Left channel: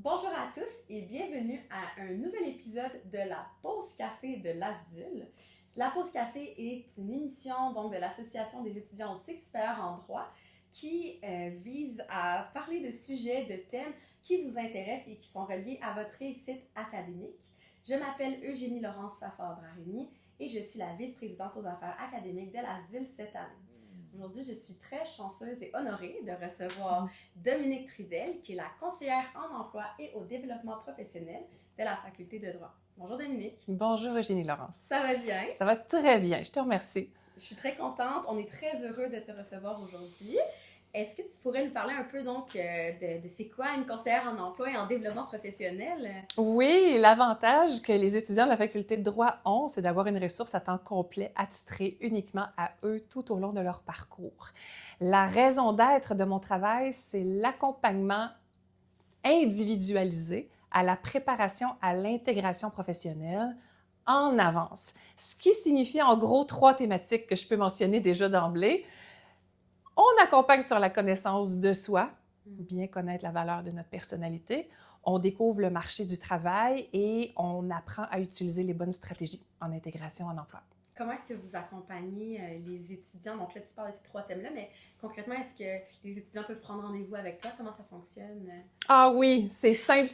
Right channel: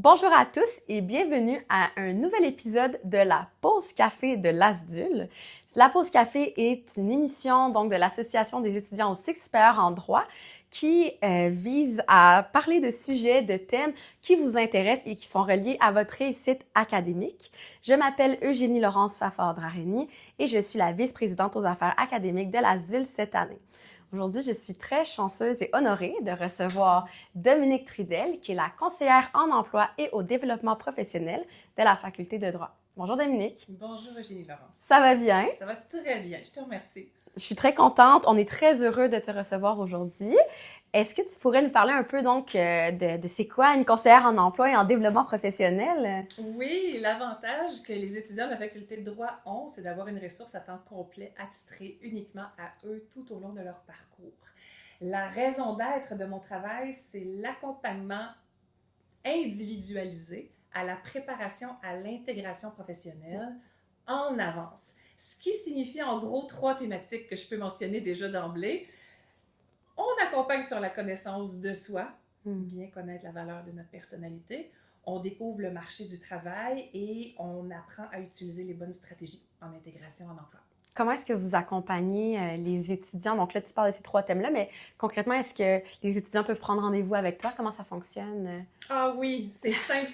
Bonjour à tous et bienvenue à un nouvel épisode de la pause café de l'ASDUL. La pause café est une émission donc de l'Association des étudiants au cycle supérieur en droit qui vise à parler de sujets, de thèmes qui vous intéressent et qui sont reliés à votre réussite académique. Je m'appelle Eugénie Laurence Fafard-Drareni et je suis la vice-présidente aux affaires académiques de l'ASDUL cette année. Aujourd'hui, je suis très chanceuse et honorée de recevoir Dominique Trudel, qui est la conseillère en emploi et au développement professionnel de la Faculté de droit. Bonjour Dominique. Bonjour Eugénie Laurence. Ça va bien? Ça va très bien, je te remercie. Je suis très contente. On est très heureux de te recevoir aujourd'hui. Est-ce que tu pourrais nous parler un peu donc de c'est quoi une conseillère en emploi et en développement professionnel? Oui, l'avantage que les étudiants de la faculté de droit ont, c'est d'avoir une ressource à temps complet attitrée uniquement à eux tout au long de leur parcours. La raison d'être de mon travail, c'est l'accompagnement individualisé à la préparation à l'intégration professionnelle en avance. Ce qui signifie en gros 3 thématiques que je peux mentionner déjà d'emblée. On accompagne sur la connaissance de soi, bien connaître la valeur de notre personnalité. On découvre le marché du travail et on apprend à utiliser les bonnes stratégies en intégration en emploi. Comment est-ce que vous accompagnez les étudiants? Donc là, tu parles de ces 3 thèmes-là, mais concrètement, est-ce que les étudiants peuvent prendre rendez-vous avec toi? Comment ça fonctionne? Ah oui, c'est simple.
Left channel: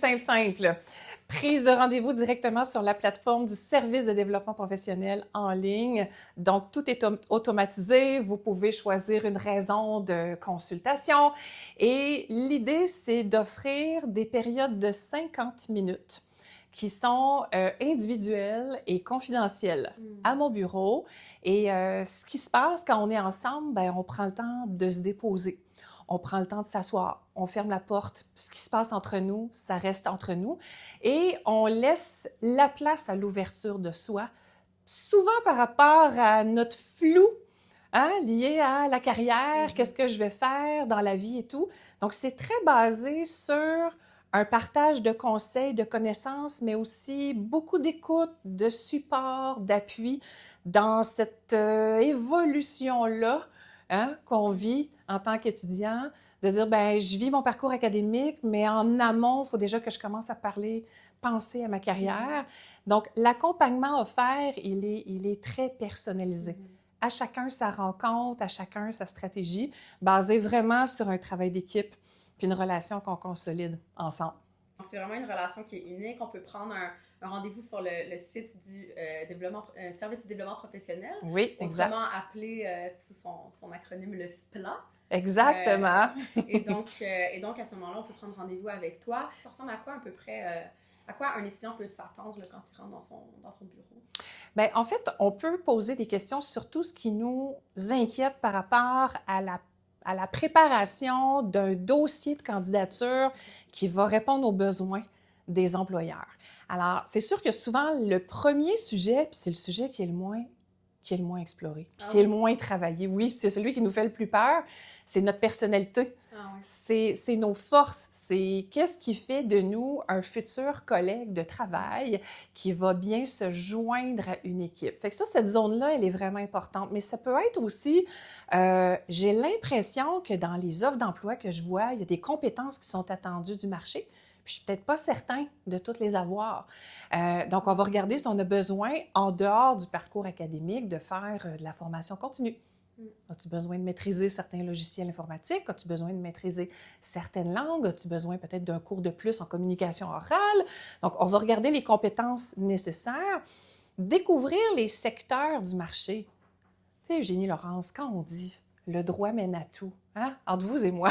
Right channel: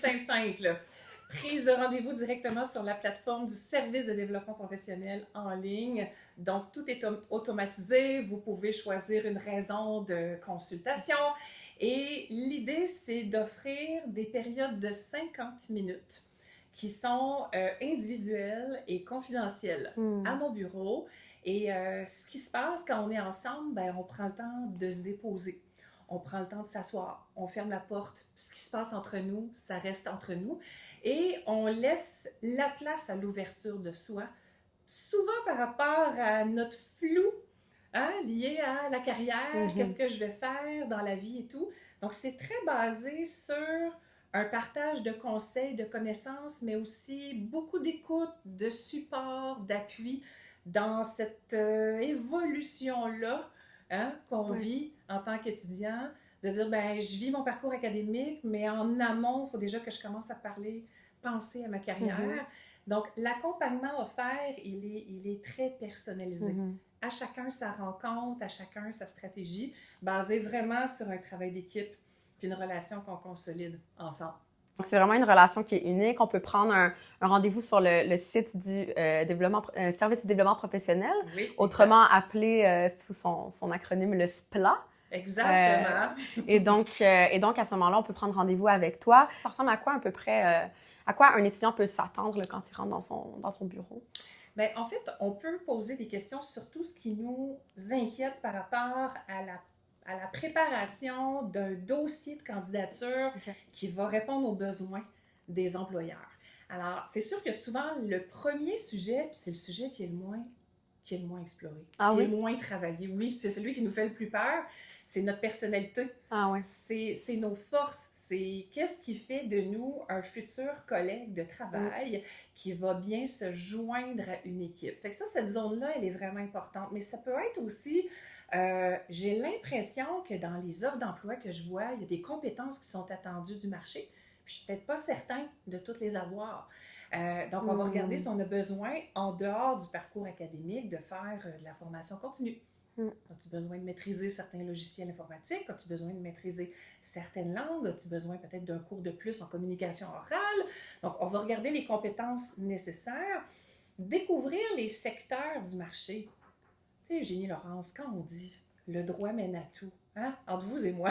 Prise de rendez-vous directement sur la plateforme du service de développement professionnel en ligne. Donc, tout est automatisé. Vous pouvez choisir une raison de consultation. Et l'idée, c'est d'offrir des périodes de 50 minutes qui sont individuelles et confidentielles à mon bureau. Et ce qui se passe quand on est ensemble, bien, on prend le temps de se déposer. On prend le temps de s'asseoir, on ferme la porte. Ce qui se passe entre nous, ça reste entre nous. Et on laisse la place à l'ouverture de soi, souvent par rapport à notre flou, lié à la carrière, qu'est-ce que je vais faire dans la vie et tout. Donc, c'est très basé sur un partage de conseils, de connaissances, mais aussi beaucoup d'écoute, de support, d'appui dans cette évolution-là qu'on vit en tant qu'étudiant, de dire, ben je vis mon parcours académique, mais en amont, il faut déjà que je commence à penser à ma carrière. Donc, l'accompagnement offert, il est très personnalisé. À chacun sa rencontre, à chacun sa stratégie, basée vraiment sur un travail d'équipe puis une relation qu'on consolide ensemble. Donc, c'est vraiment une relation qui est unique. On peut prendre un rendez-vous sur le site du service du développement professionnel, Oui, autrement appelé sous son acronyme le SPLA. Exactement. Et donc, à ce moment-là, on peut prendre rendez-vous avec toi. Ça ressemble à quoi à peu près, à quoi un étudiant peut s'attendre quand il rentre dans ton bureau? Bien, en fait, on peut poser des questions sur tout ce qui nous inquiète par rapport à la préparation d'un dossier de candidature qui va répondre aux besoins des employeurs. Alors, c'est sûr que souvent, le premier sujet, puis c'est le sujet qui est le moins exploré, qui est le moins travaillé. Oui, c'est celui qui nous fait le plus peur, c'est notre personnalité. C'est nos forces. C'est qu'est-ce qui fait de nous un futur collègue de travail qui va bien se joindre à une équipe. Fait que ça, cette zone-là, elle est vraiment importante. Mais ça peut être aussi, j'ai l'impression que dans les offres d'emploi que je vois, il y a des compétences qui sont attendues du marché. Puis je ne suis peut-être pas certain de toutes les avoir. Donc, on va regarder si on a besoin, en dehors du parcours académique, de faire de la formation continue. As-tu besoin de maîtriser certains logiciels informatiques? As-tu besoin de maîtriser certaines langues? As-tu besoin peut-être d'un cours de plus en communication orale? Donc, on va regarder les compétences nécessaires, découvrir les secteurs du marché. Tu sais, Eugénie Laurence, quand on dit « le droit mène à tout », entre vous et moi,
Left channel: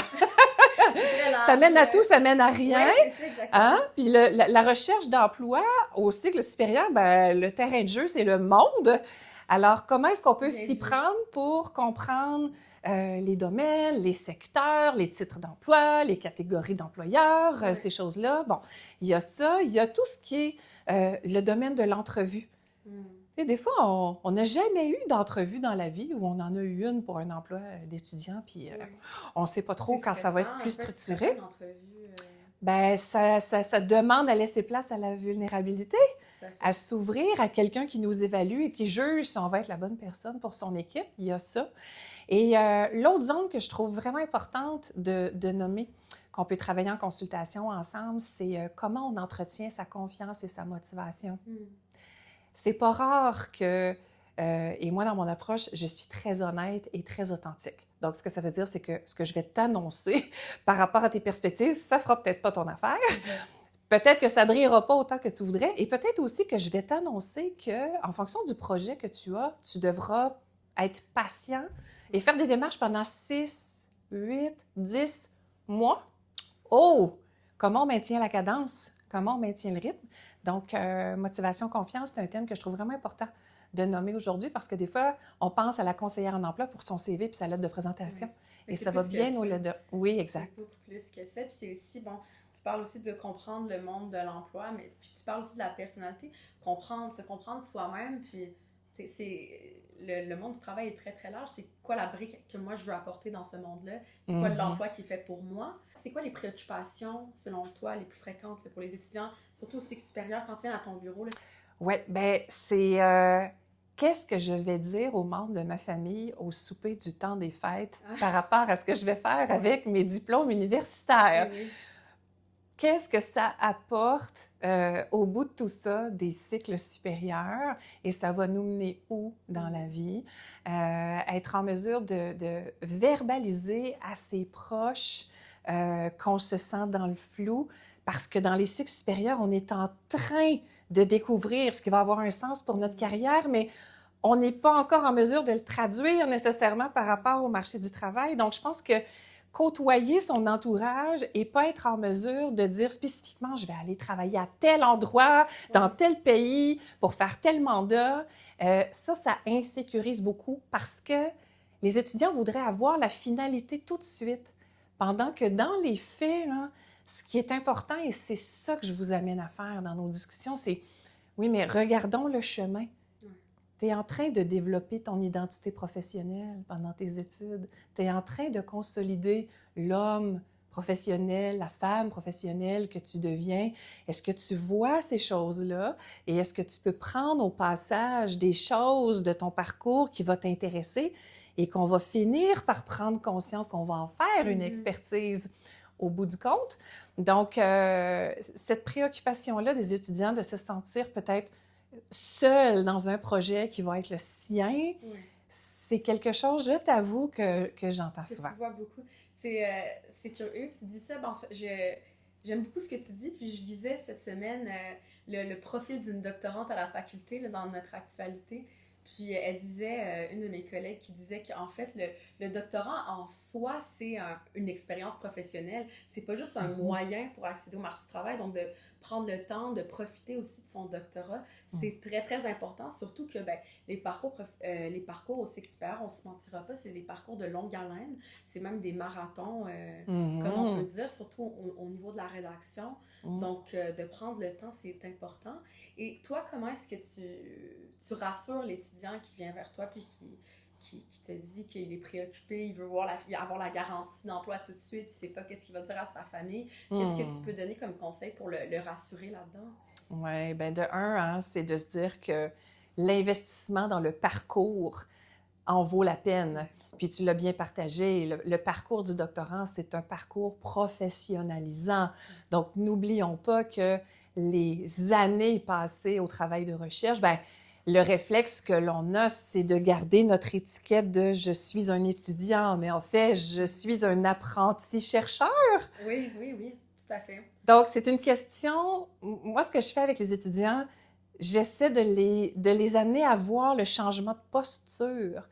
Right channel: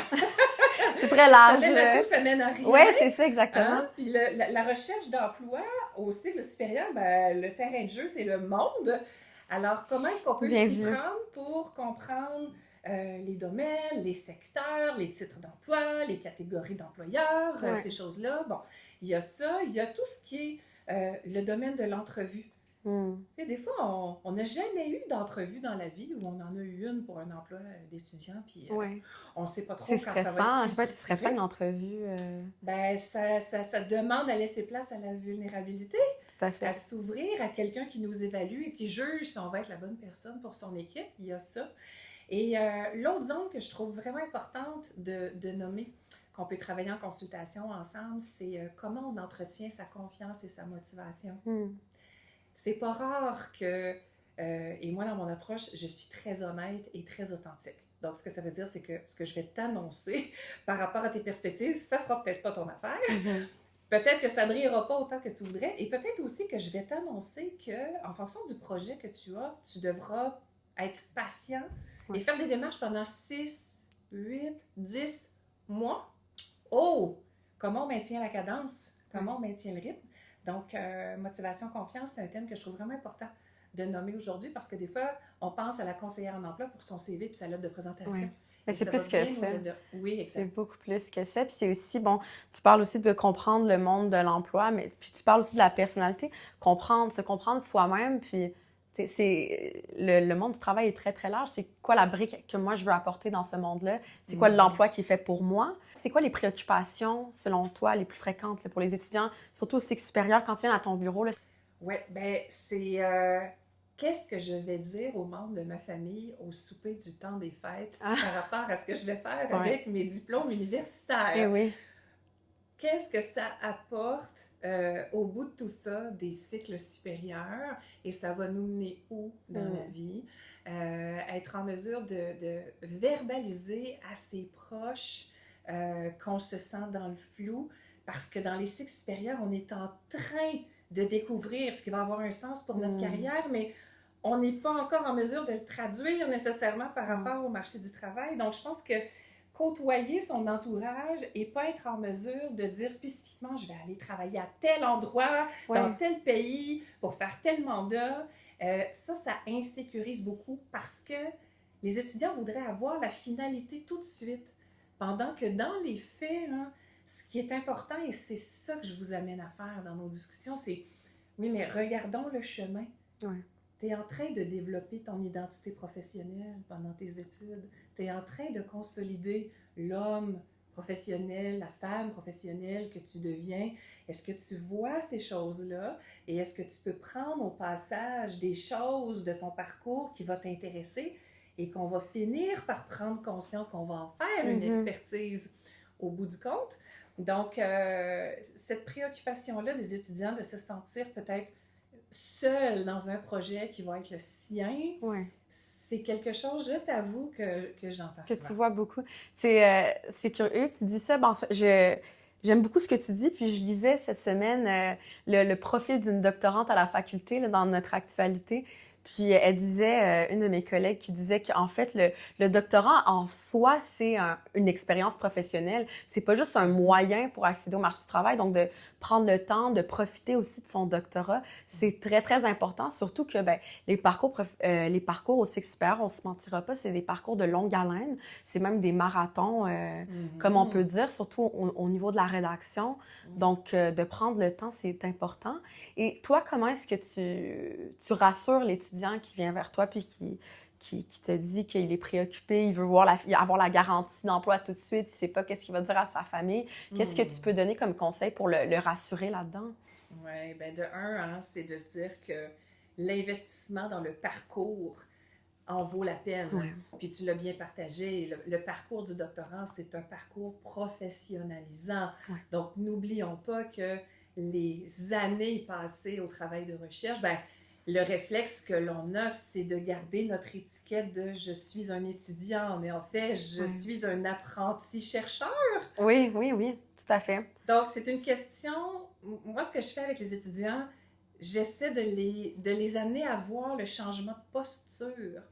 c'est très large. Ça mène à tout, ça mène à rien. Oui, c'est ça, exactement. Puis la recherche d'emploi au cycle supérieur, ben, le terrain de jeu, c'est le monde. Alors, comment est-ce qu'on peut s'y prendre pour comprendre les domaines, les secteurs, les titres d'emploi, les catégories d'employeurs, ces choses-là? Bon, il y a ça. Il y a tout ce qui est le domaine de l'entrevue. Tu sais, des fois, on n'a jamais eu d'entrevue dans la vie ou on en a eu une pour un emploi d'étudiant, puis on ne sait pas trop quand ça va être plus structuré. Une entrevue? Ben, ça demande à laisser place à la vulnérabilité, tout à fait. À s'ouvrir à quelqu'un qui nous évalue et qui juge si on va être la bonne personne pour son équipe. Il y a ça. Et l'autre zone que je trouve vraiment importante de nommer, qu'on peut travailler en consultation ensemble, c'est comment on entretient sa confiance et sa motivation. C'est pas rare que, et moi dans mon approche, je suis très honnête et très authentique. Donc, ce que ça veut dire, c'est que ce que je vais t'annoncer par rapport à tes perspectives, ça fera peut-être pas ton affaire. Peut-être que ça brillera pas autant que tu voudrais. Et peut-être aussi que je vais t'annoncer que, en fonction du projet que tu as, tu devras être patient et faire des démarches pendant 6, 8, 10 mois. Oh! Comment on maintient la cadence? Comment on maintient le rythme? Donc, motivation, confiance, c'est un thème que je trouve vraiment important de nommer aujourd'hui parce que des fois, on pense à la conseillère en emploi pour son CV puis sa lettre de présentation. Mais Et c'est ça plus va que bien ça. au-delà. Oui, C'est exact. beaucoup plus que ça. Puis c'est aussi, bon, tu parles aussi de comprendre le monde de l'emploi, mais puis tu parles aussi de la personnalité, se comprendre soi-même, puis le monde du travail est très, très large. C'est quoi la brique que moi, je veux apporter dans ce monde-là? C'est quoi l'emploi qui est fait pour moi? C'est quoi les préoccupations, selon toi, les plus fréquentes là, pour les étudiants, surtout au cycle supérieur, quand ils viennent à ton bureau? Oui, bien, c'est qu'est-ce que je vais dire aux membres de ma famille au souper du temps des fêtes par rapport à ce que je vais faire avec mes diplômes universitaires? Eh oui. Qu'est-ce que ça apporte au bout de tout ça des cycles supérieurs et ça va nous mener où dans la vie? Être en mesure de verbaliser à ses proches qu'on se sent dans le flou parce que dans les cycles supérieurs, on est en train de découvrir ce qui va avoir un sens pour notre carrière, mais on n'est pas encore en mesure de le traduire nécessairement par rapport au marché du travail. Donc, je pense que côtoyer son entourage et pas être en mesure de dire spécifiquement je vais aller travailler à tel endroit, dans tel pays, pour faire tel mandat, ça insécurise beaucoup parce que les étudiants voudraient avoir la finalité tout de suite. Pendant que dans les faits, hein, ce qui est important, et c'est ça que je vous amène à faire dans nos discussions, c'est oui, mais regardons le chemin. Tu es en train de développer ton identité professionnelle pendant tes études. Tu es en train de consolider l'homme professionnel, la femme professionnelle que tu deviens. Est-ce que tu vois ces choses-là et est-ce que tu peux prendre au passage des choses de ton parcours qui vont t'intéresser et qu'on va finir par prendre conscience qu'on va en faire une expertise au bout du compte? Donc, cette préoccupation-là des étudiants de se sentir peut-être seul dans un projet qui va être le sien, c'est quelque chose, je t'avoue, que j'entends souvent. Que tu vois beaucoup. C'est curieux que tu dis ça. Bon, j'aime beaucoup ce que tu dis, puis je lisais cette semaine le profil d'une doctorante à la faculté là, dans notre actualité. Puis elle disait, une de mes collègues qui disait qu'en fait, le doctorat en soi, c'est une expérience professionnelle. C'est pas juste un moyen pour accéder au marché du travail. Donc, de prendre le temps, de profiter aussi de son doctorat, c'est très, très important. Surtout que les parcours au cycle supérieur, on se mentira pas, c'est des parcours de longue haleine. C'est même des marathons, comme on peut dire, surtout au niveau de la rédaction. Donc, de prendre le temps, c'est important. Et toi, comment est-ce que tu rassures l'étudiant qui vient vers toi puis qui te dit qu'il est préoccupé, il veut avoir la garantie d'emploi tout de suite, il ne sait pas qu'est-ce qu'il va dire à sa famille? Qu'est-ce que tu peux donner comme conseil pour le rassurer là-dedans? Oui, bien de un, hein, c'est de se dire que l'investissement dans le parcours en vaut la peine. Puis tu l'as bien partagé, le parcours du doctorant, c'est un parcours professionnalisant. Donc, n'oublions pas que les années passées au travail de recherche, bien, le réflexe que l'on a, c'est de garder notre étiquette de « je suis un étudiant », mais en fait, je suis un apprenti chercheur. Oui, tout à fait. Donc, c'est une question... Moi, ce que je fais avec les étudiants, j'essaie de les amener à voir le changement de posture.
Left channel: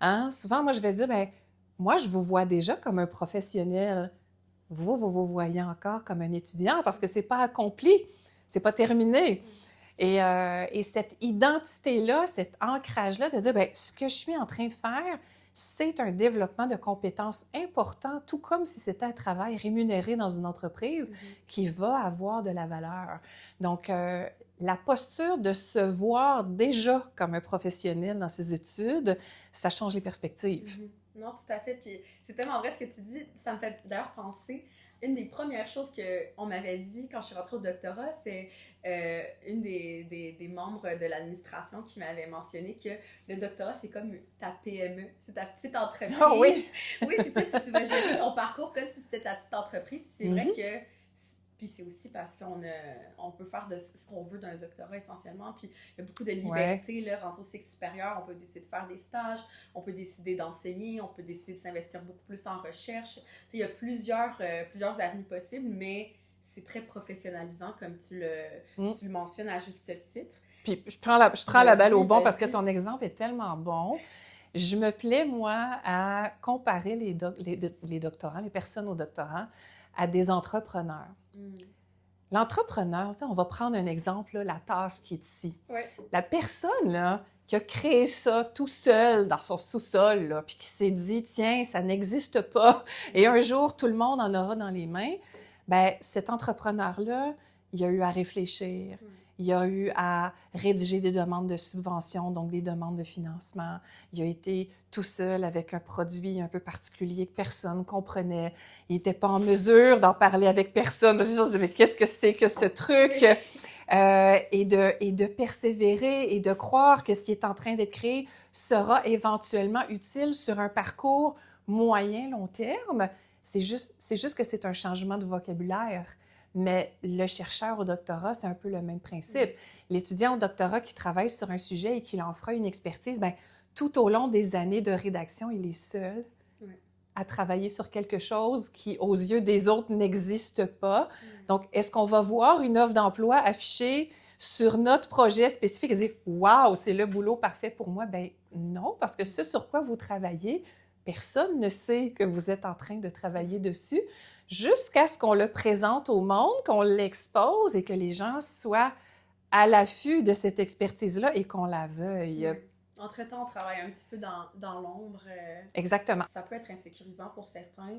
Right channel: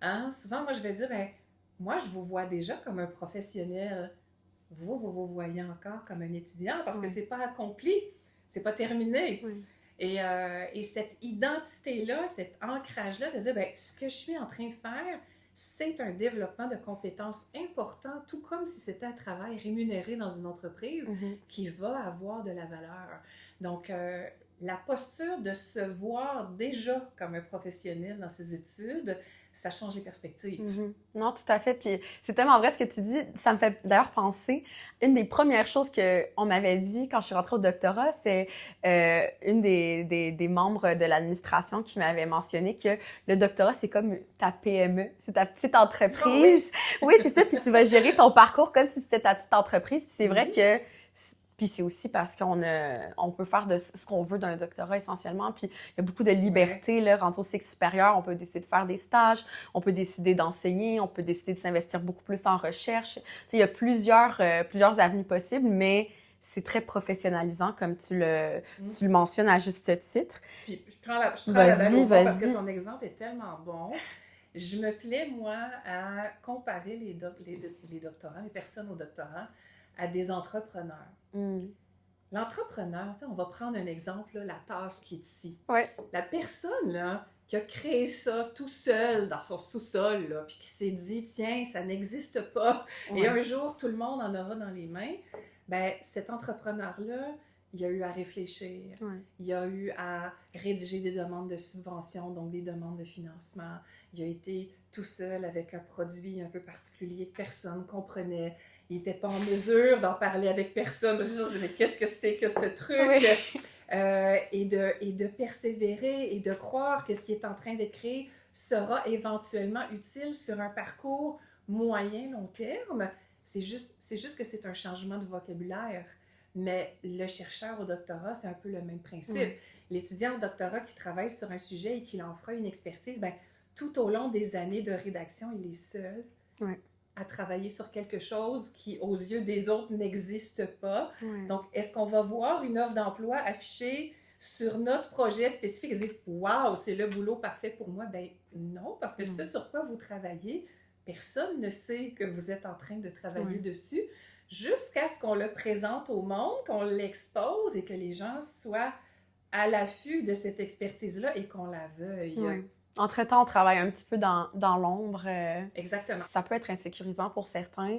Hein? Souvent, moi, je vais dire, bien, moi, je vous vois déjà comme un professionnel. Vous voyez encore comme un étudiant parce que c'est pas accompli, c'est pas terminé. Et cette identité-là, cet ancrage-là de dire, bien, ce que je suis en train de faire, c'est un développement de compétences important, tout comme si c'était un travail rémunéré dans une entreprise qui va avoir de la valeur. Donc, la posture de se voir déjà comme un professionnel dans ses études, ça change les perspectives. Non, tout à fait. Puis c'est tellement vrai ce que tu dis. Ça me fait d'ailleurs penser, une des premières choses qu'on m'avait dit quand je suis rentrée au doctorat, c'est une des membres de l'administration qui m'avait mentionné que le doctorat, c'est comme ta PME, c'est ta petite entreprise. Ah oui! Oui, c'est ça. Puis tu vas gérer ton parcours comme si c'était ta petite entreprise. Puis c'est vrai que... Puis c'est aussi parce on peut faire de ce qu'on veut d'un doctorat essentiellement. Puis il y a beaucoup de liberté, là, rendu au cycle supérieur. On peut décider de faire des stages, on peut décider d'enseigner, on peut décider de s'investir beaucoup plus en recherche. Tu sais, il y a plusieurs avenues possibles, mais c'est très professionnalisant, comme tu le mentionnes à juste titre. Puis je prends la balle au bon parce que ton exemple est tellement bon. Je me plais, moi, à comparer les doctorants, les personnes au doctorat, à des entrepreneurs. L'entrepreneur, on va prendre un exemple, là, la tasse qui est ici. Ouais. La personne là, qui a créé ça tout seul dans son sous-sol, là, puis qui s'est dit, tiens, ça n'existe pas, et un jour, tout le monde en aura dans les mains, bien, cet entrepreneur-là, il a eu à réfléchir, il a eu à rédiger des demandes de subvention, donc des demandes de financement. Il a été tout seul avec un produit un peu particulier que personne ne comprenait. Il n'était pas en mesure d'en parler avec personne. Je me disais, mais qu'est-ce que c'est que ce truc? Et de persévérer et de croire que ce qui est en train d'être créé sera éventuellement utile sur un parcours moyen-long terme. C'est juste que c'est un changement de vocabulaire. Mais le chercheur au doctorat, c'est un peu le même principe. L'étudiant au doctorat qui travaille sur un sujet et qui en fera une expertise, bien, tout au long des années de rédaction, il est seul à travailler sur quelque chose qui, aux yeux des autres, n'existe pas. Donc, est-ce qu'on va voir une offre d'emploi affichée sur notre projet spécifique et dire « Wow, c'est le boulot parfait pour moi », bien non, parce que ce sur quoi vous travaillez, personne ne sait que vous êtes en train de travailler dessus, jusqu'à ce qu'on le présente au monde, qu'on l'expose et que les gens soient à l'affût de cette expertise-là et qu'on la veuille. Entre-temps, on travaille un petit peu dans l'ombre. Exactement. Ça peut être insécurisant pour certains,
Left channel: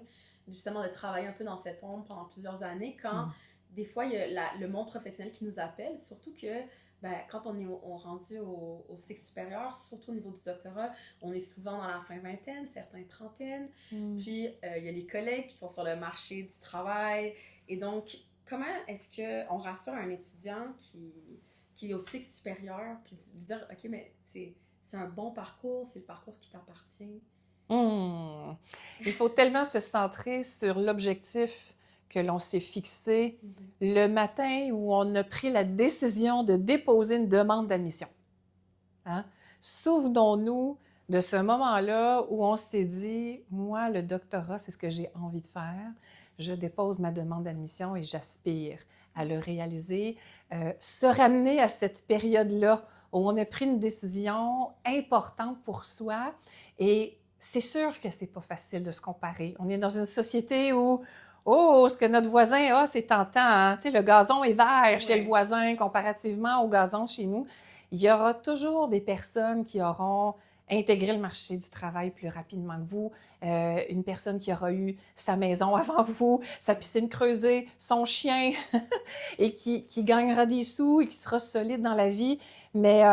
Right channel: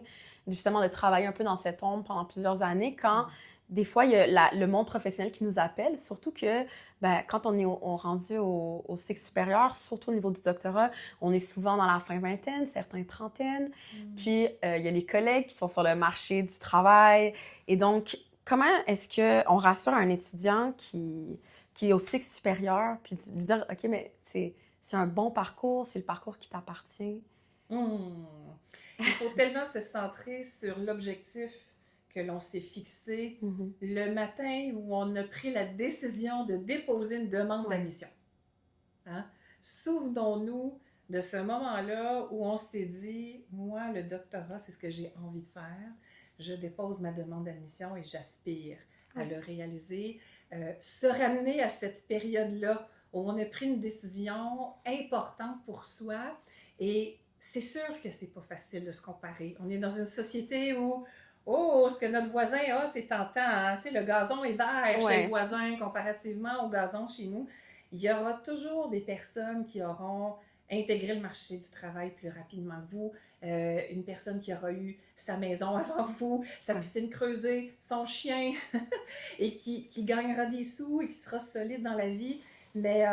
justement, de travailler un peu dans cette ombre pendant plusieurs années, quand des fois, il y a le monde professionnel qui nous appelle, surtout que quand on est rendu au cycle supérieur, surtout au niveau du doctorat, on est souvent dans la fin vingtaine, certains trentaine. Puis, il y a les collègues qui sont sur le marché du travail. Et donc, comment est-ce qu'on rassure un étudiant qui est au cycle supérieur, puis de dire, OK, mais c'est un bon parcours, c'est le parcours qui t'appartient? Il faut tellement se centrer sur l'objectif que l'on s'est fixé le matin où on a pris la décision de déposer une demande d'admission. Hein? Souvenons-nous de ce moment-là où on s'est dit, moi, le doctorat, c'est ce que j'ai envie de faire. Je dépose ma demande d'admission et j'aspire à le réaliser. Se ramener à cette période-là où on a pris une décision importante pour soi. Et c'est sûr que c'est pas facile de se comparer. On est dans une société où oh, ce que notre voisin a, c'est tentant. Hein? Tu sais, le gazon est vert chez le voisin comparativement au gazon chez nous. Il y aura toujours des personnes qui auront intégré le marché du travail plus rapidement que vous, une personne qui aura eu sa maison avant vous, sa piscine creusée, son chien, et qui gagnera des sous et qui sera solide dans la vie. Mais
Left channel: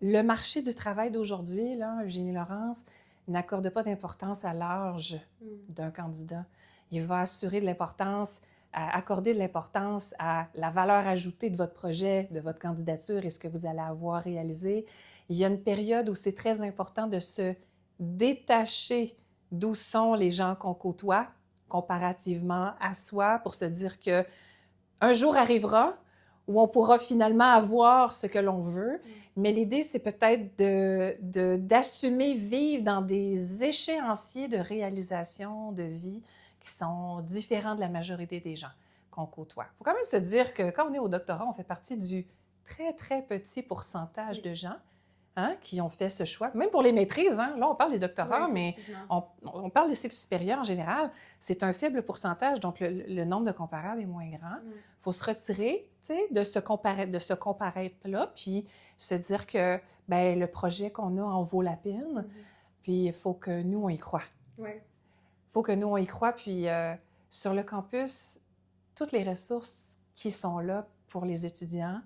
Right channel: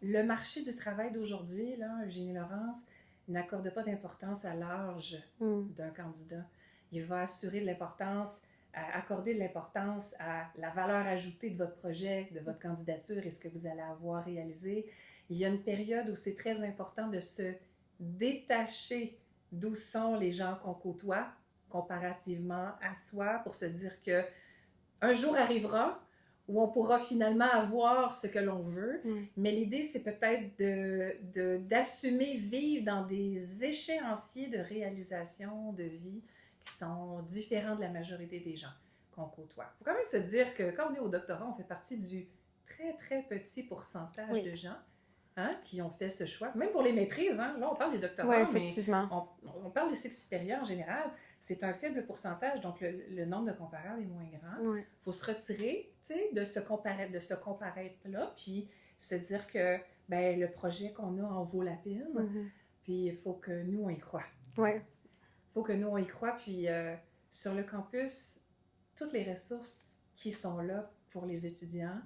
le marché du travail d'aujourd'hui, là, Eugénie Laurence, n'accorde pas d'importance à l'âge d'un candidat. Il va assurer de l'importance, accorder de l'importance à la valeur ajoutée de votre projet, de votre candidature et ce que vous allez avoir réalisé. Il y a une période où c'est très important de se détacher d'où sont les gens qu'on côtoie comparativement à soi pour se dire que un jour arrivera où on pourra finalement avoir ce que l'on veut. Mais l'idée, c'est peut-être d'assumer vivre dans des échéanciers de réalisation de vie qui sont différents de la majorité des gens qu'on côtoie. Il faut quand même se dire que quand on est au doctorat, on fait partie du très, très petit pourcentage de gens qui ont fait ce choix. Même pour les maîtrises, hein? Là, on parle des doctorats, mais on parle des cycles supérieurs en général. C'est un faible pourcentage, donc le nombre de comparables est moins grand. Il faut se retirer de ce comparaître-là, puis se dire que le projet qu'on a en vaut la peine, puis il faut que nous, on y croit. Il faut que nous, on y croit, puis sur le campus, toutes les ressources qui sont là pour les étudiants,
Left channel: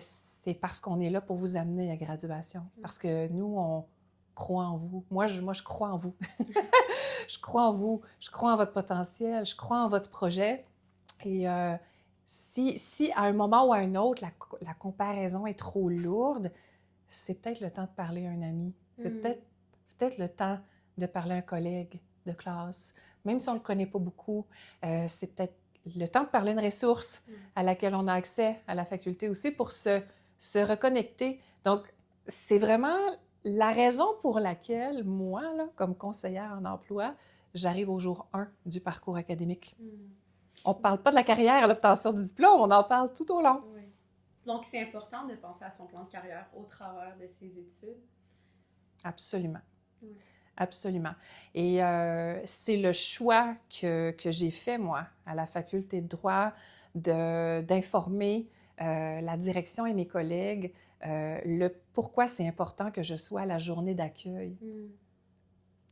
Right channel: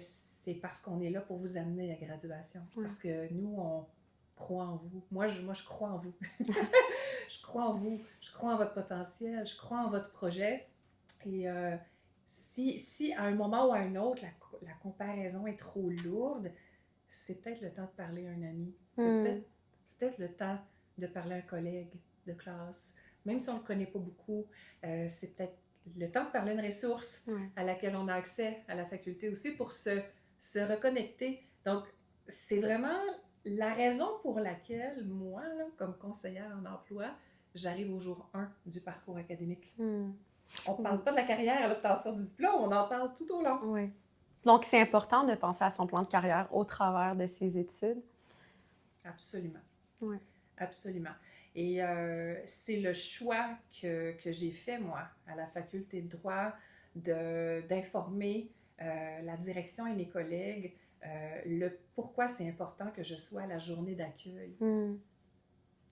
c'est parce qu'on est là pour vous amener à graduation. Parce que nous, crois en vous. Moi, je crois en vous. Je crois en vous. Je crois en votre potentiel. Je crois en votre projet. Et si à un moment ou à un autre, la comparaison est trop lourde, c'est peut-être le temps de parler à un ami. C'est peut-être le temps de parler à un collègue de classe. Même si on ne le connaît pas beaucoup, c'est peut-être le temps de parler à une ressource à laquelle on a accès à la faculté aussi pour se reconnecter. Donc, c'est vraiment la raison pour laquelle moi, là, comme conseillère en emploi, j'arrive au jour 1 du parcours académique. On ne parle pas de la carrière à l'obtention du diplôme, on en parle tout au long. Oui. Donc, c'est important de penser à son plan de carrière au travers de ses études. Absolument. Oui. Absolument. Et c'est le choix que j'ai fait, moi, à la faculté de droit, d'informer la direction et mes collègues pourquoi c'est important que je sois à la journée d'accueil. Tu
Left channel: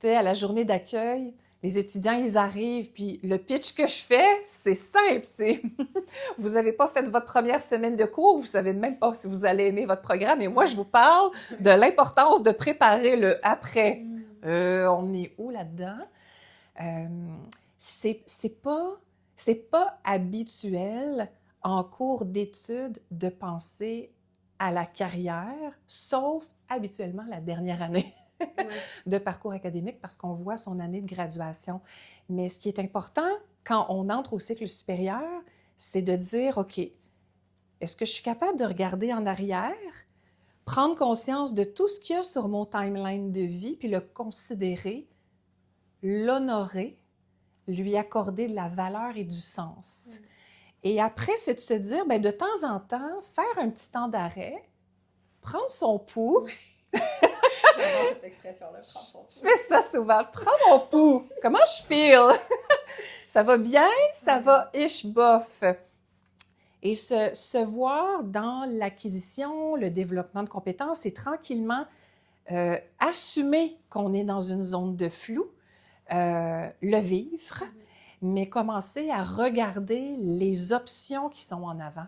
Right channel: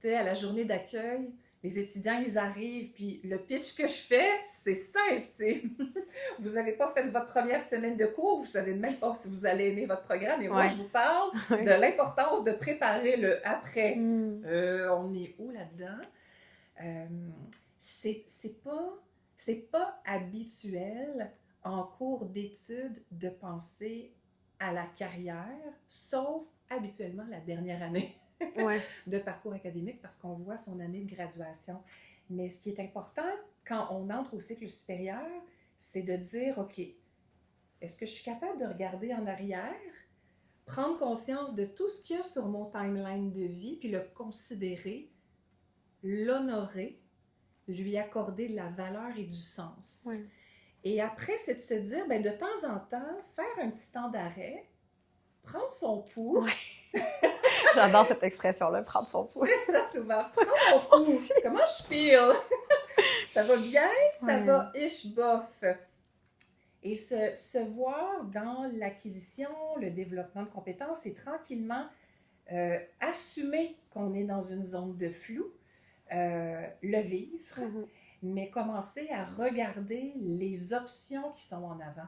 sais, à la journée d'accueil, les étudiants, ils arrivent, puis le pitch que je fais, c'est simple, c'est vous n'avez pas fait votre première semaine de cours, vous ne savez même pas si vous allez aimer votre programme, et moi, je vous parle de l'importance de préparer le après. On est où là-dedans? C'est pas habituel en cours d'études de penser à la carrière, sauf habituellement la dernière année. De parcours académique parce qu'on voit son année de graduation. Mais ce qui est important quand on entre au cycle supérieur, c'est de dire, OK, est-ce que je suis capable de regarder en arrière, prendre conscience de tout ce qu'il y a sur mon timeline de vie, puis le considérer, l'honorer, lui accorder de la valeur et du sens. Et après, c'est de se dire, bien, de temps en temps, faire un petit temps d'arrêt, prendre son pouls. J'adore cette expression-là, prendre son pouls. Je fais ça souvent, prendre mon pouls. Comment je feel? Ça va bien? Ça va ish bof. Et se voir dans l'acquisition, le développement de compétences et tranquillement assumer qu'on est dans une zone de flou, le vivre, mais commencer à regarder les options qui sont en avant.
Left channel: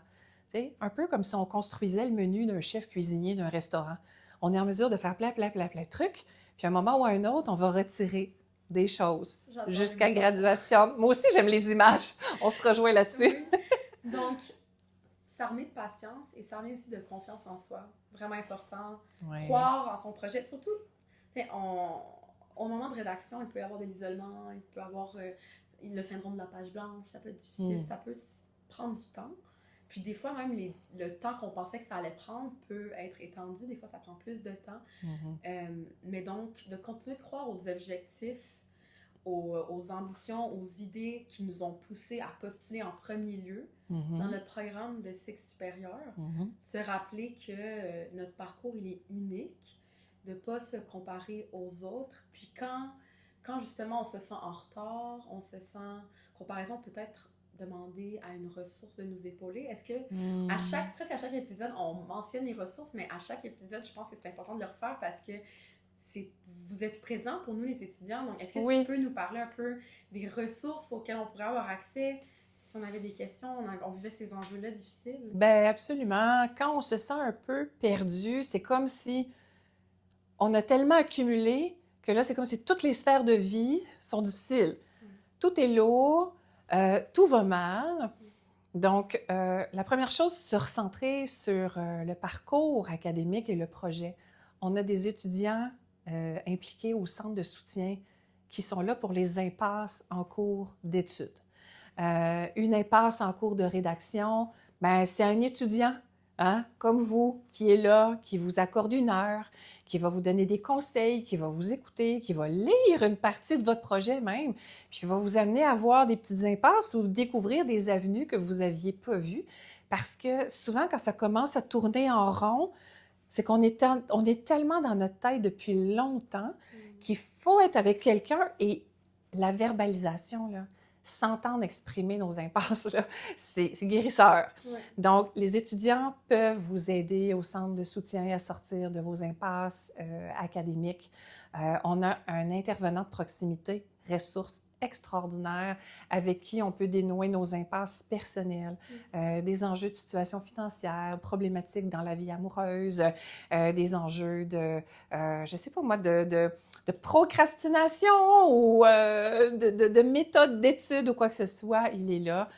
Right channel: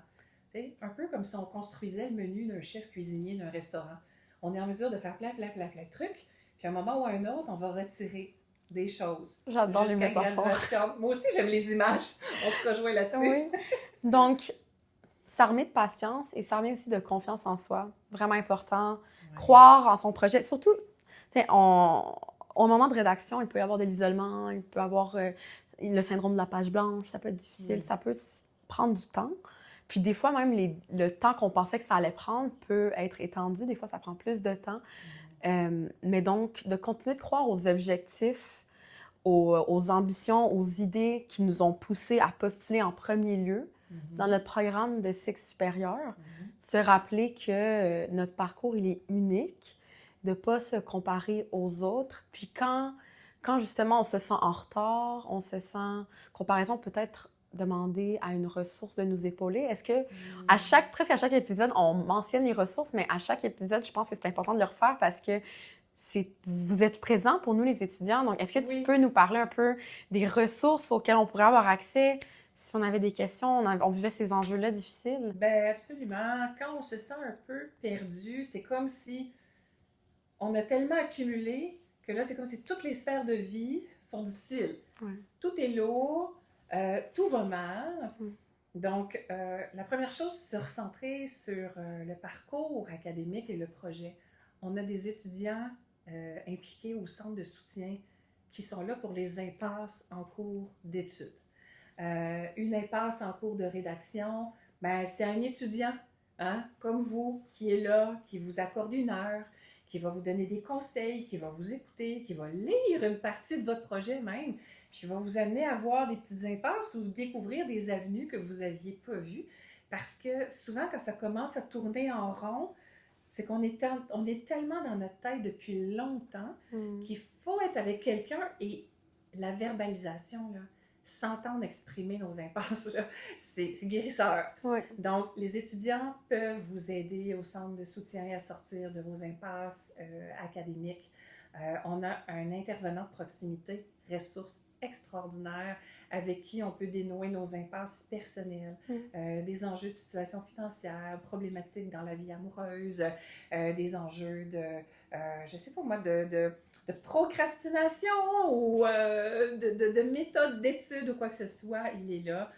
T'sais, un peu comme si on construisait le menu d'un chef cuisinier d'un restaurant. On est en mesure de faire plein de trucs, puis à un moment ou à un autre, on va retirer des choses jusqu'à graduation. Moi aussi, j'aime les images. On se rejoint là-dessus. Donc, s'armer de patience et s'armer aussi de confiance en soi. Vraiment important. Croire en son projet. Surtout, au moment de rédaction, il peut y avoir de l'isolement, il peut y avoir le syndrome de la page blanche, ça peut être difficile, ça peut prendre du temps. Puis des fois, même le temps qu'on pensait que ça allait prendre peut être étendu. Des fois, ça prend plus de temps. Mais donc, de continuer de croire aux objectifs, aux ambitions, aux idées qui nous ont poussés à postuler en premier lieu dans notre programme de cycle supérieur. Se rappeler que notre parcours, il est unique, de ne pas se comparer aux autres. Puis quand justement on se sent en retard, on se sent... Comparaison peut-être demander à une ressource de nous épauler. Est-ce que presque à chaque épisode, on mentionne les ressources, mais à chaque épisode, je pense que c'est important de le refaire parce que vous êtes présents pour nous, les étudiants. Donc, est-ce que tu peux nous parler un peu des ressources auxquelles on pourrait avoir accès si on avait des questions, on vivait ces enjeux-là difficiles? Bien, absolument. Quand on se sent un peu perdu, c'est comme si on a tellement accumulé que là, c'est comme si toutes les sphères de vie sont difficiles. Tout est lourd. Tout va mal. Donc, la première chose, se recentrer sur le parcours académique et le projet. On a des étudiants impliqués au centre de soutien qui sont là pour les impasses en cours d'études. Une impasse en cours de rédaction, ben, c'est un étudiant comme vous qui est là, qui vous accorde une heure, qui va vous donner des conseils, qui va vous écouter, qui va lire une partie de votre projet même, puis qui va vous amener à voir des petites impasses ou découvrir des avenues que vous n'aviez pas vues. Parce que souvent, quand ça commence à tourner en rond, c'est qu'on est tellement dans notre tête depuis longtemps qu'il faut être avec quelqu'un et la verbalisation, là, s'entendre exprimer nos impasses, là, c'est guérisseur. Donc, les étudiants peuvent vous aider au centre de soutien à sortir de vos impasses académiques. On a un intervenant de proximité, ressources extraordinaires avec qui on peut dénouer nos impasses personnelles, des enjeux de situation financière, problématiques dans la vie amoureuse, des enjeux de, je sais pas moi, de procrastination ou de méthode d'étude ou quoi que ce soit, il est là.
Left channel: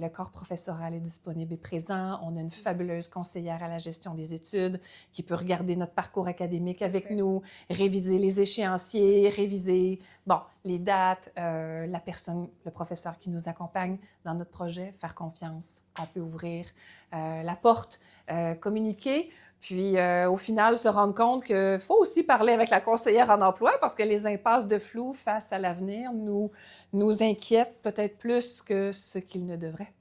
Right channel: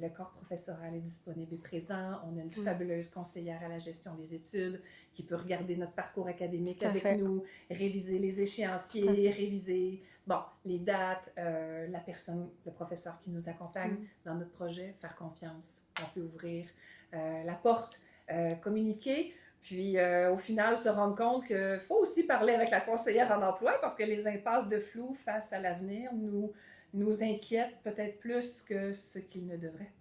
Le corps professoral est disponible et présent. On a une fabuleuse conseillère à la gestion des études qui peut regarder notre parcours académique avec nous, réviser les échéanciers, réviser les dates, la personne, le professeur qui nous accompagne dans notre projet, faire confiance. On peut ouvrir la porte, communiquer. Puis, au final, se rendre compte qu'il faut aussi parler avec la conseillère en emploi parce que les impasses de flou face à l'avenir nous inquiètent peut-être plus que ce qu'ils ne devraient.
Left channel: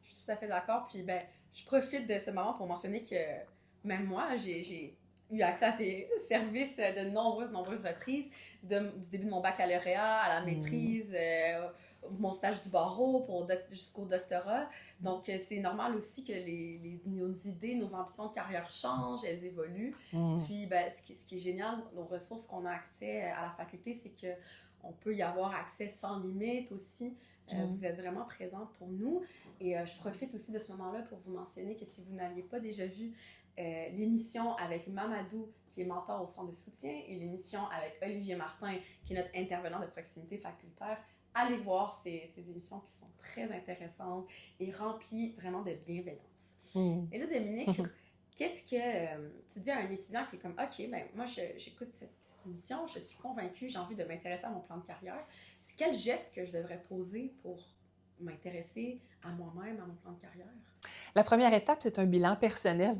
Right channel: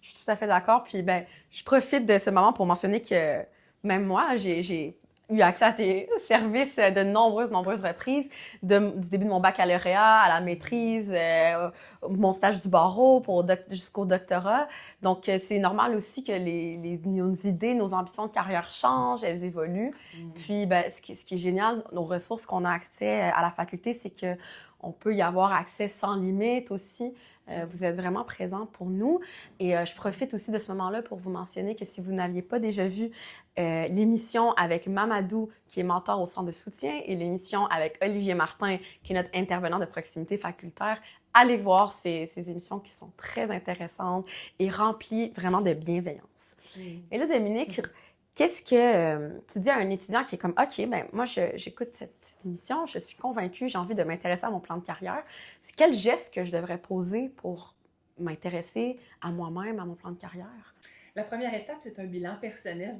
Je suis tout à fait d'accord. Puis, ben, je profite de ce moment pour mentionner que même moi, j'ai eu accès à tes services de nombreuses reprises, du début de mon baccalauréat à la maîtrise, mon stage du barreau jusqu'au doctorat. Donc, c'est normal aussi que nos idées, nos ambitions de carrière changent, elles évoluent. Puis, ben, ce qui est génial, nos ressources qu'on a accès à la faculté, c'est qu'on peut y avoir accès sans limite aussi. Vous êtes vraiment présent pour nous. Et je profite aussi de ce moment-là pour vous mentionner que si vous n'aviez pas déjà vu l'émission avec Mamadou, qui est mentor au centre de soutien, et l'émission avec Olivier Martin, qui est notre intervenant de proximité facultaire, allez voir ces émissions qui sont très intéressantes et remplies vraiment de bienveillance. Et là, Dominique, qu'est-ce que tu dis à un étudiant qui est comme « OK, ben moi, j'écoute cette émission, je suis convaincue, j'ai envie de m'intéresser à mon plan de carrière. C'est quel geste que je devrais poser pour m'intéresser à moi-même, à mon plan de carrière? » La première étape, c'est un bilan personnel.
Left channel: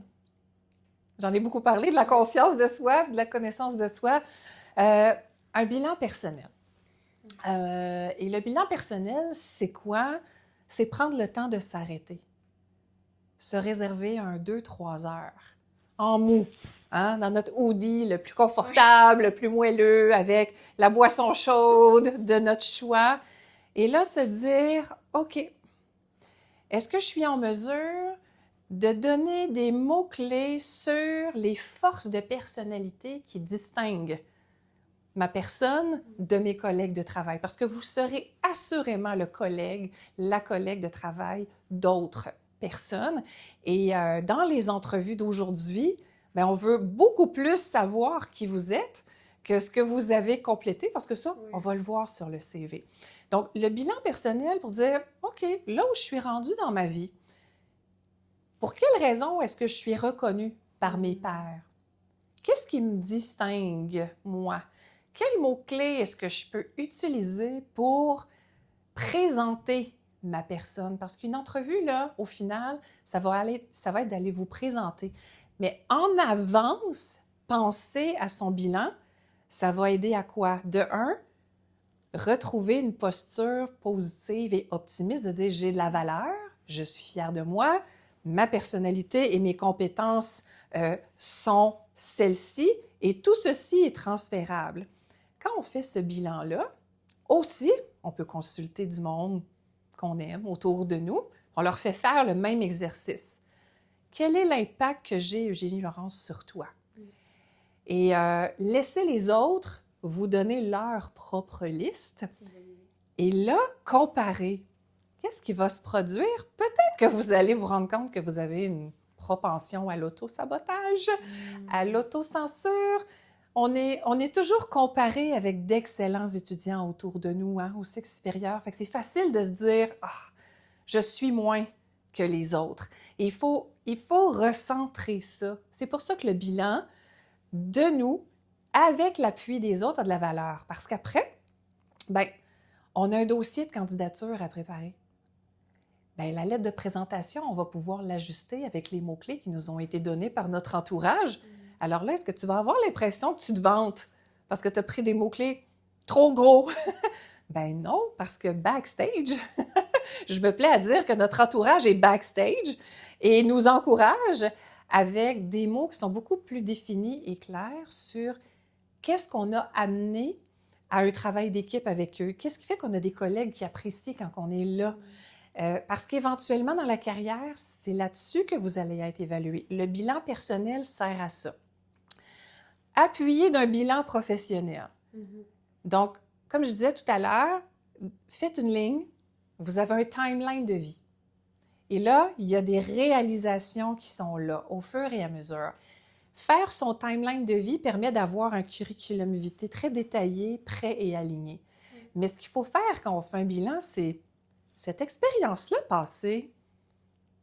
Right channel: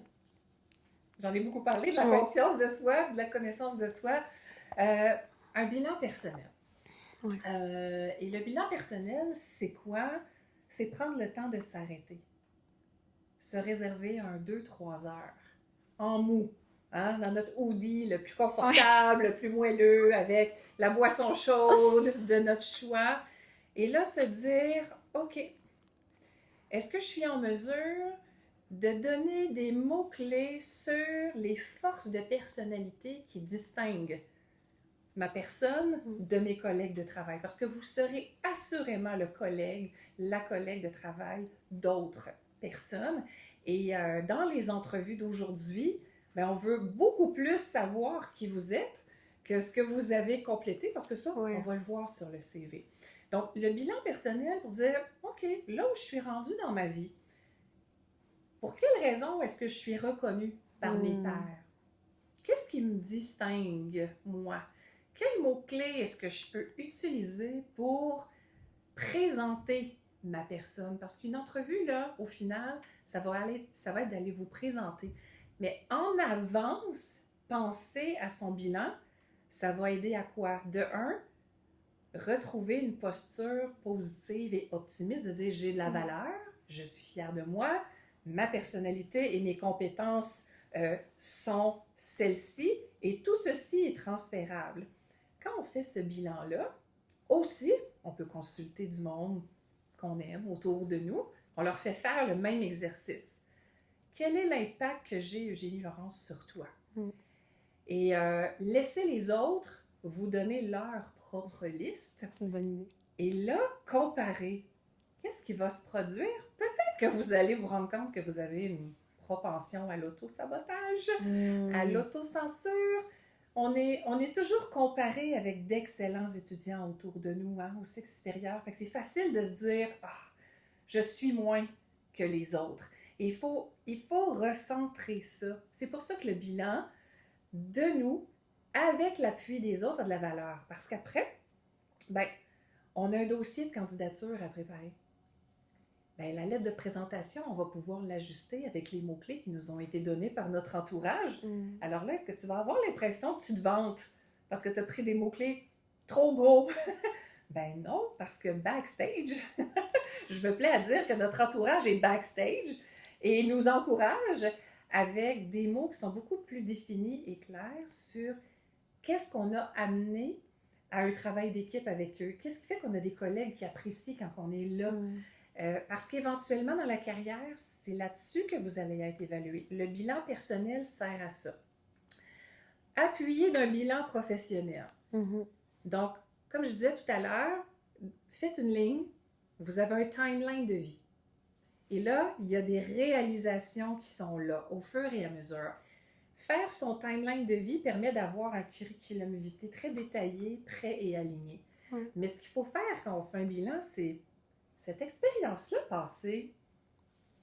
J'en ai beaucoup parlé, de la conscience de soi, de la connaissance de soi. Un bilan personnel. Et le bilan personnel, c'est quoi? C'est prendre le temps de s'arrêter. Se réserver 2-3 heures en mou, hein, dans notre hoodie le plus confortable, le plus moelleux, avec la boisson chaude de notre choix. Et là, se dire, OK, est-ce que je suis en mesure de donner des mots-clés sur les forces de personnalité qui distinguent ma personne de mes collègues de travail? Parce que vous serez assurément le collègue, la collègue de travail d'autres personnes. Et dans les entrevues d'aujourd'hui, bien, on veut beaucoup plus savoir qui vous êtes que ce que vous avez complété, parce que ça, on va le voir sur le CV. Donc, le bilan personnel pour dire, OK, là où je suis rendue dans ma vie, pour quelle raison est-ce que je suis reconnue par mes pairs? Qu'est-ce qui me distingue, moi? Quels mots-clés est-ce que je peux utiliser pour présenter ma personne? Parce qu'une entrevue, là, au final, ça va être d'aller vous présenter. Mais en avance, penser à son bilan, ça va aider à quoi? De un, retrouver une posture positive et optimiste, de dire j'ai de la valeur, je suis fière de moi, ma personnalité et mes compétences sont celles-ci et tout ceci est transférable. Quand on fait ce bilan-là, aussi, on peut consulter du monde qu'on aime autour de nous. On leur fait faire le même exercice. Quel est l'impact que j'ai, Eugénie Laurence, sur toi? Et laissez les autres vous donner leur propre liste. C'est une bonne idée. Et là, comparer. Qu'est-ce qui va se produire? Peut-être que vous allez vous rendre compte que vous avez une propension à l'auto-sabotage, à l'autocensure. On est toujours comparé avec d'excellents étudiants autour de nous, hein, au cycle supérieur. Fait que c'est facile de se dire « Ah, je suis moins que les autres ». Et il faut recentrer ça. C'est pour ça que le bilan de nous, avec l'appui des autres, a de la valeur. Parce qu'après, ben, on a un dossier de candidature à préparer. Bien, la lettre de présentation, on va pouvoir l'ajuster avec les mots-clés qui nous ont été donnés par notre entourage. Alors là, est-ce que tu vas avoir l'impression que tu te vantes parce que tu as pris des mots-clés trop gros? Ben non, parce que backstage, je me plais à dire que notre entourage est backstage et nous encourage avec des mots qui sont beaucoup plus définis et clairs sur qu'est-ce qu'on a amené à un travail d'équipe avec eux. Qu'est-ce qui fait qu'on a des collègues qui apprécient quand on est là? Parce qu'éventuellement, dans la carrière, c'est là-dessus que vous allez être évalué. Le bilan personnel sert à ça. Appuyé d'un bilan professionnel. Donc, comme je disais tout à l'heure, faites une ligne, vous avez un timeline de vie. Et là, il y a des réalisations qui sont là au fur et à mesure. Faire son timeline de vie permet d'avoir un curriculum vitae très détaillé, prêt et aligné. Mais ce qu'il faut faire quand on fait un bilan, c'est cette expérience-là passée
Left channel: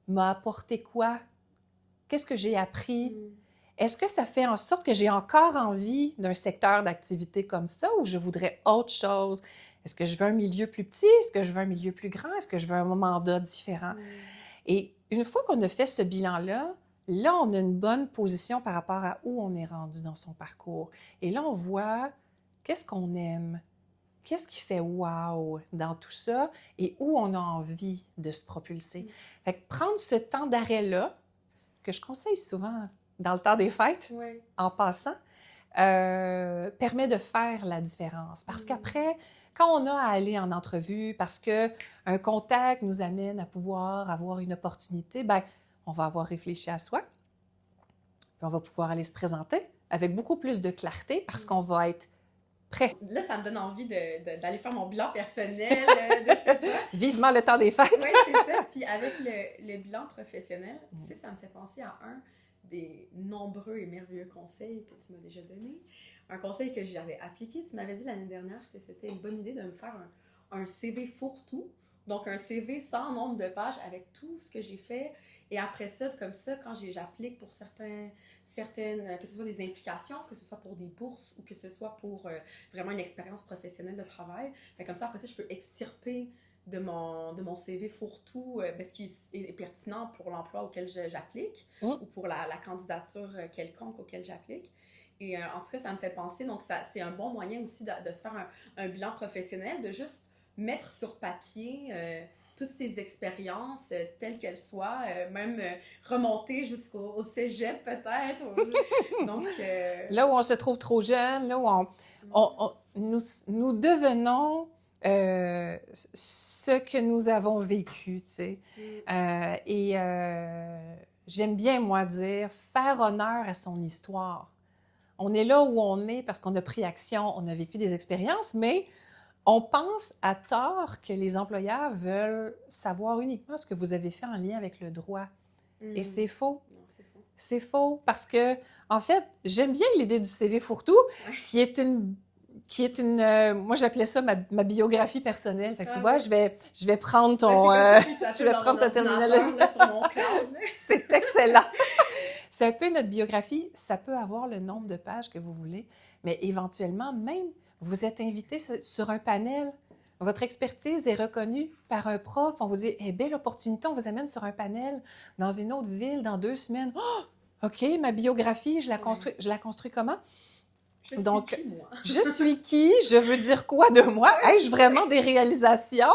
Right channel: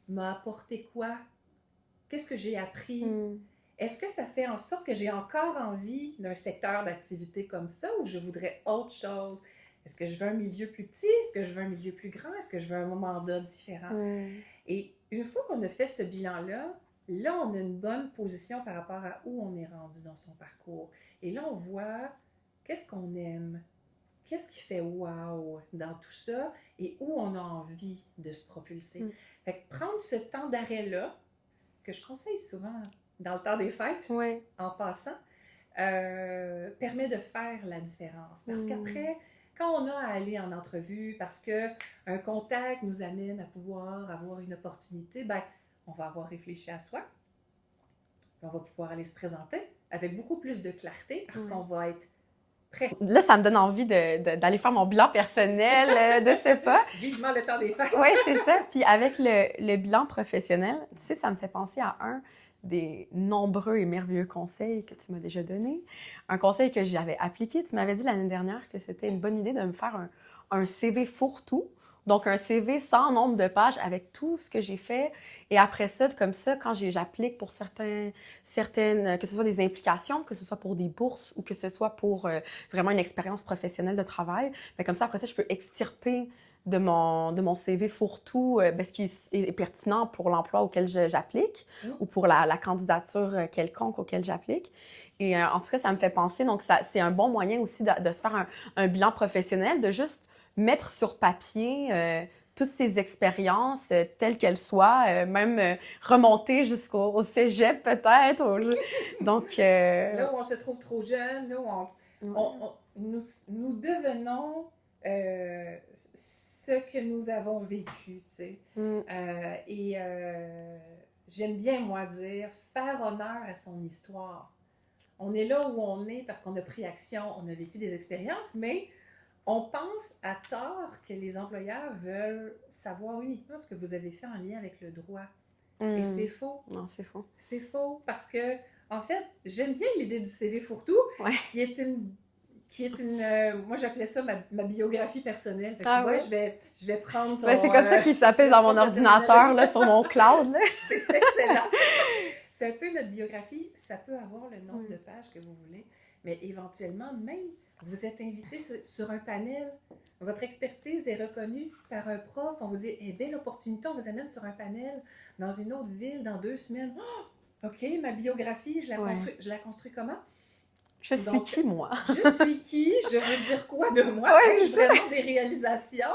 m'a apporté quoi? Qu'est-ce que j'ai appris? Est-ce que ça fait en sorte que j'ai encore envie d'un secteur d'activité comme ça ou je voudrais autre chose? Est-ce que je veux un milieu plus petit? Est-ce que je veux un milieu plus grand? Est-ce que je veux un mandat différent? Et une fois qu'on a fait ce bilan-là, là, on a une bonne position par rapport à où on est rendu dans son parcours. Et là, on voit qu'est-ce qu'on aime, qu'est-ce qui fait wow dans tout ça et où on a envie de se propulser. Fait que prendre ce temps d'arrêt-là, que je conseille souvent dans le temps des fêtes, en passant, permet de faire la différence. Parce qu'après, quand on a à aller en entrevue, parce qu'un contact nous amène à pouvoir avoir une opportunité, ben, on va avoir réfléchi à soi, puis on va pouvoir aller se présenter avec beaucoup plus de clarté parce qu'on va être prêt. Là, ça me donne envie d'aller faire mon bilan personnel de ce pas. Vivement le temps des fêtes! Oui, c'est ça. Puis avec le bilan professionnel, tu sais, ça me fait penser à un des nombreux et merveilleux conseils que tu m'as déjà donné. Un conseil que j'avais appliqué. Tu m'avais dit l'année dernière que c'était une bonne idée de me faire un CV fourre-tout. Donc, un CV sans nombre de pages avec tout ce que j'ai fait. Et après ça, comme ça, quand j'applique pour certaines, que ce soit des implications, que ce soit pour des bourses ou que ce soit pour vraiment une expérience professionnelle de travail, bien, comme ça, après ça, je peux extirper de mon CV fourre-tout ce qui est pertinent pour l'emploi auquel j'applique ou pour la candidature quelconque auquel j'applique. Et en tout cas, ça me fait penser, donc c'est un bon moyen aussi de se faire un bilan professionnel, de juste mettre sur papier toutes ces expériences telles qu'elles soient, même remonter jusqu'au cégep peut-être. Donc, là où on se trouve trop jeune, là où nous devenons ce que nous avons vécu, tu sais. J'aime bien, moi, dire faire honneur à son histoire. On est là où on est parce qu'on a pris action, on a vécu des expériences, mais on pense à tort que les employeurs veulent savoir uniquement ce que vous avez fait en lien avec le droit. Et c'est faux. Non, c'est faux. C'est faux parce que, en fait, j'aime bien l'idée du CV fourre-tout, qui est une moi, j'appelais ça ma biographie personnelle. Fait que tu vois, je vais prendre ton... c'est comme ça qu'il s'appelle dans mon ordinateur, là, sur mon cloud. C'est excellent. C'est un peu notre biographie. Ça peut avoir le nombre de pages que vous voulez, mais éventuellement, même, vous êtes invité sur un panel. Votre expertise est reconnue par un prof. On vous dit, belle opportunité, on vous amène sur un panel dans une autre ville dans 2 semaines. Oh! OK, ma biographie, je la construis comment? Je suis qui, moi? Je suis qui? Je veux dire quoi de moi? Ai-je vraiment des réalisations?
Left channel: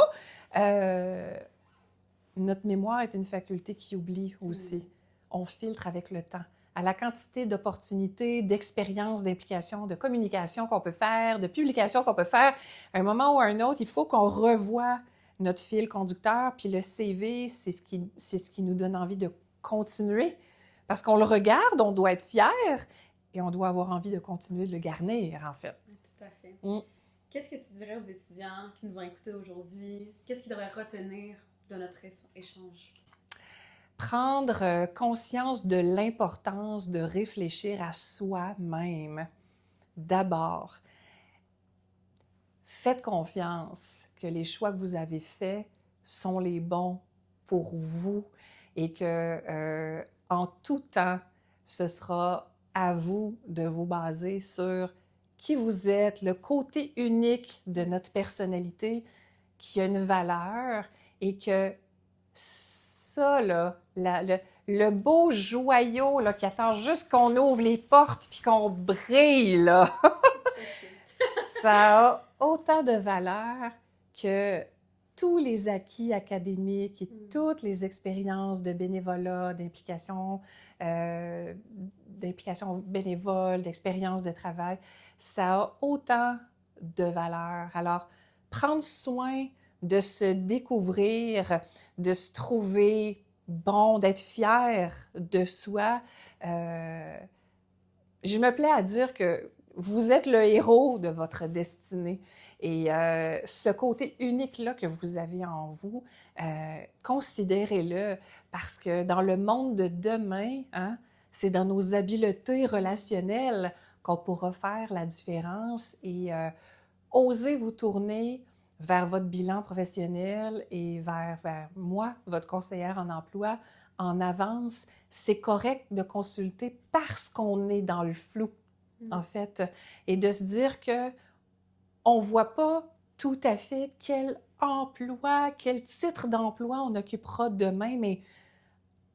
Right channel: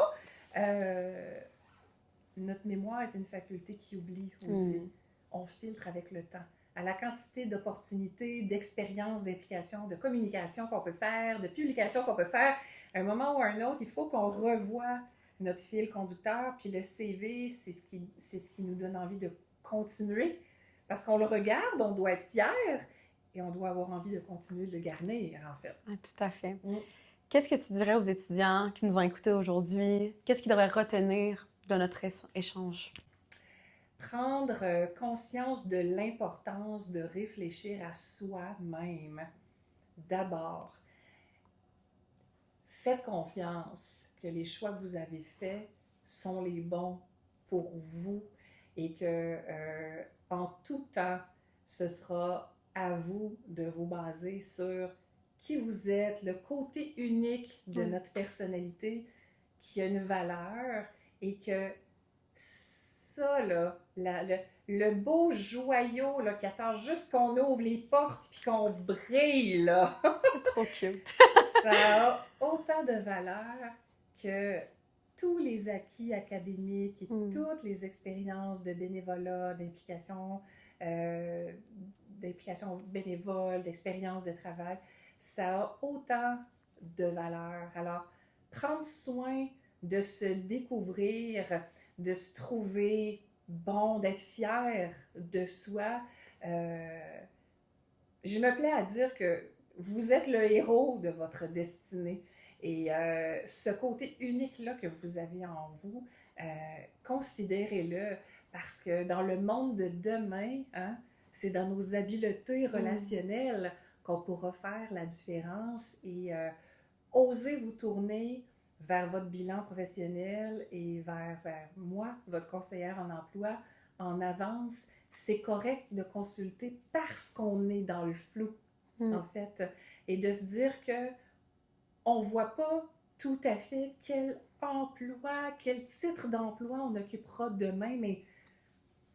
Notre mémoire est une faculté qui oublie aussi. On filtre avec le temps. À la quantité d'opportunités, d'expériences, d'implications, de communication qu'on peut faire, de publications qu'on peut faire, à un moment ou à un autre, il faut qu'on revoie notre fil conducteur. Puis le CV, c'est ce qui nous donne envie de continuer. Parce qu'on le regarde, on doit être fier et on doit avoir envie de continuer de le garnir, en fait. Ah, tout à fait. Qu'est-ce que tu dirais aux étudiants qui nous ont écoutés aujourd'hui? Qu'est-ce qu'ils devraient retenir de notre échange? Prendre conscience de l'importance de réfléchir à soi-même. D'abord, faites confiance que les choix que vous avez faits sont les bons pour vous et que en tout temps, ce sera à vous de vous baser sur qui vous êtes, le côté unique de notre personnalité qui a une valeur et que ça, là, le beau joyau là, qui attend juste qu'on ouvre les portes puis qu'on brille, là. Trop cute. Ça a autant de valeur que tous les acquis académiques et toutes les expériences de bénévolat, d'implication bénévole, d'expérience de travail. Ça a autant de valeur. Alors, prendre soin de se découvrir, de se trouver bon, d'être fier de soi. Je me plais à dire que vous êtes le héros de votre destinée Et ce côté unique-là que vous avez en vous, considérez-le parce que dans le monde de demain, hein, c'est dans nos habiletés relationnelles qu'on pourra faire la différence et osez vous tourner vers votre bilan professionnel et vers moi, votre conseillère en emploi, en avance. C'est correct de consulter parce qu'on est dans le flou, en fait, et de se dire que on ne voit pas tout à fait quel emploi, quel titre d'emploi on occupera demain, mais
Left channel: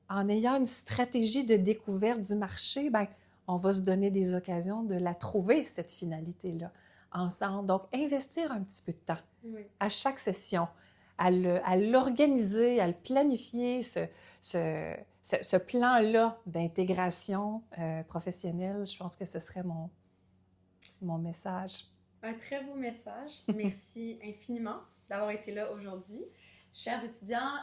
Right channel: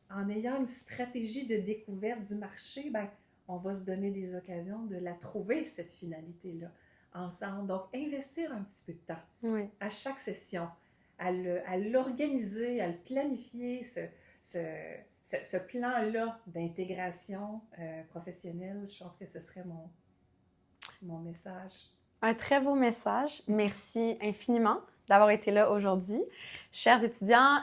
en ayant une stratégie de découverte du marché, ben, on va se donner des occasions de la trouver, cette finalité-là, ensemble. Donc, investir un petit peu de temps à chaque session, à l'organiser, à le planifier, ce plan-là d'intégration professionnelle. Je pense que ce serait mon message. Un très beau message. Merci infiniment d'avoir été là aujourd'hui. Chers étudiants,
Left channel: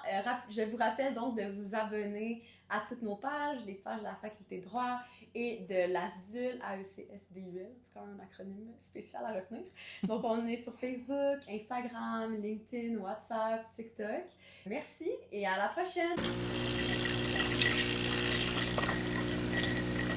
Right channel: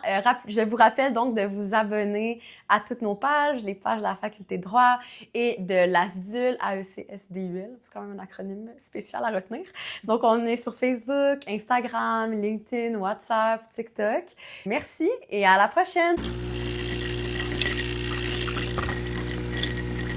je vous rappelle donc de vous abonner à toutes nos pages, les pages de la Faculté de droit et de l'ASDUL, AECSDUL, c'est quand même un acronyme spécial à retenir. Donc, on est sur Facebook, Instagram, LinkedIn, WhatsApp, TikTok. Merci et à la prochaine!